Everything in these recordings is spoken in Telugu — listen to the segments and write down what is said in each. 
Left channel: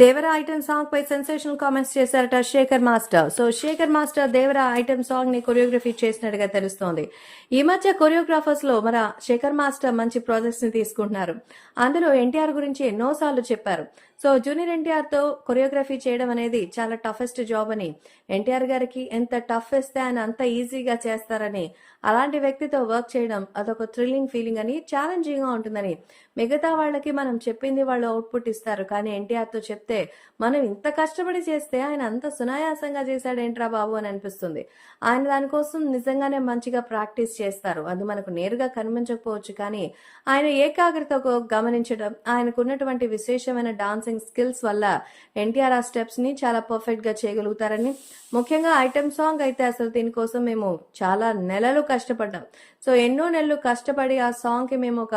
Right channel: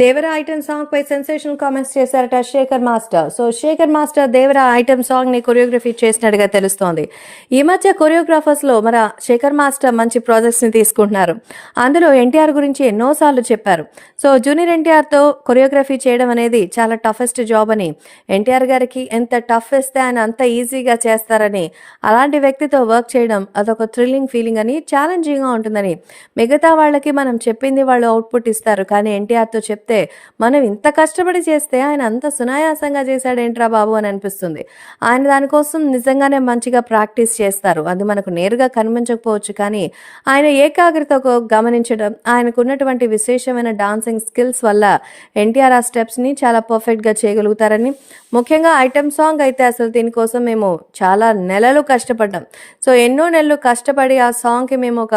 దేవర ఐటమ్ సాంగ్ పై సెన్సేషనల్ కామెంట్స్ చేశారట Shekhar master. So Shekhar master Devara item సాంగ్ని కొరియోగ్రఫీ చేసినట్టుగా తెలుస్తోంది. ఈ మధ్య కొరియోగ్రాఫర్స్లో మన శేఖర్ మాస్టర్ మంచి ప్రాజెక్ట్స్ని తీసుకుంటున్నారు. అందులో ఎన్టీఆర్ గురించి ఎన్నోసార్లు చెప్పారు. సో జూనియర్ ఎన్టీఆర్తో కొరియోగ్రఫీ చేయడం అనేది చాలా టఫెస్ట్ జాబ్ అని ఎన్టీఆర్ గారికి ఎంత టఫ్ ఇస్తే ఆయన అంత ఈజీగా చేస్తారని అలాంటి వ్యక్తితో వర్క్ చేయడం అదొక థ్రిల్లింగ్ ఫీలింగ్ అని ఛాలెంజింగ్గా ఉంటుందని మిగతా వాళ్ళకి మనం చెప్పింది వాళ్ళు అవుట్పుట్ ఇస్తారు. కానీ ఎన్టీఆర్తో చెప్తే మనం ఇంత కష్టపడి చేస్తే ఆయన అంత సునాయాసంగా చేశాడేంట్రా బాబు అని అనిపిస్తుంది. ఆయన దానికోసం నిజంగానే మంచిగా ప్రాక్టీస్ చేస్తారు. అది మనకు నేరుగా కనిపించకపోవచ్చు కానీ ఆయన ఏకాగ్రతకు గమనించడం ఆయనకున్నటువంటి విశేషమైన డాన్సింగ్ స్కిల్స్ వల్ల ఎన్టీఆర్ ఆ స్టెప్స్ని చాలా పర్ఫెక్ట్గా చేయగలుగుతారని ముఖ్యంగా ఐటమ్ సాంగ్ అయితే అసలు దీనికోసం మేము చాలా నెలలు కష్టపడ్డాం. సో ఎన్నో నెలలు కష్టపడి ఆ సాంగ్కి మేము ఒక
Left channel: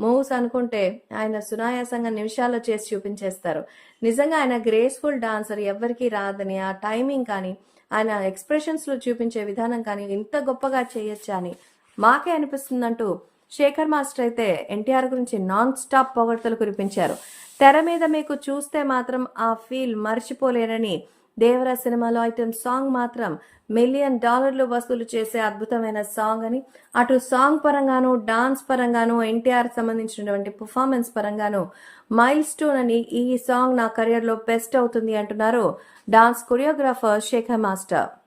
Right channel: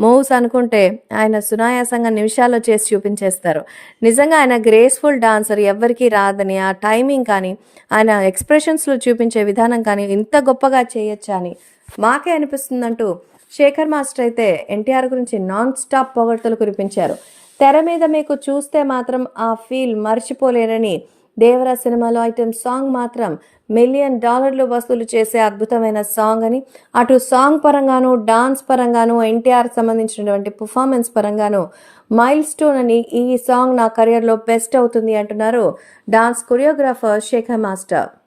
మూవ్స్ అనుకుంటే ఆయన సునాయాసంగా నిమిషాల్లో చేసి చూపించేస్తారు. నిజంగా ఆయన గ్రేస్ఫుల్ డాన్సర్ ఎవరికీ రాదని ఆ టైమింగ్ కానీ ఆయన ఎక్స్ప్రెషన్స్లో చూపించే విధానం కానీ ఇంత గొప్పగా చేయొచ్చా అని మాకే అనిపిస్తుందంటూ శేఖర్ మాస్టర్ అయితే ఎన్టీఆర్ గురించి నాన్ స్టాప్ పొగడ్తలు కురిపించారు. తెర మీద మీకు చూస్తే మాత్రం ఆ ఫీల్ మర్చిపోలేరని దేవరా సినిమాలో ఐటమ్ సాంగ్ మాత్రం మిలియన్ డాలర్లు వసూలు చేసే అద్భుతమైన సాంగ్ అని. అటు సాంగ్ పరంగాను డాన్స్ పరంగాను ఎన్టీఆర్ సంబంధించినటువంటి పర్ఫార్మెన్స్ పరంగాను మైల్ స్టోన్ అని ఈ సాంగ్ నా కెరియర్లో బెస్ట్ అవుతుంది అంటున్నారు డాన్స్ కొరియోగ్రాఫర్ శేఖర్ మాస్టర్.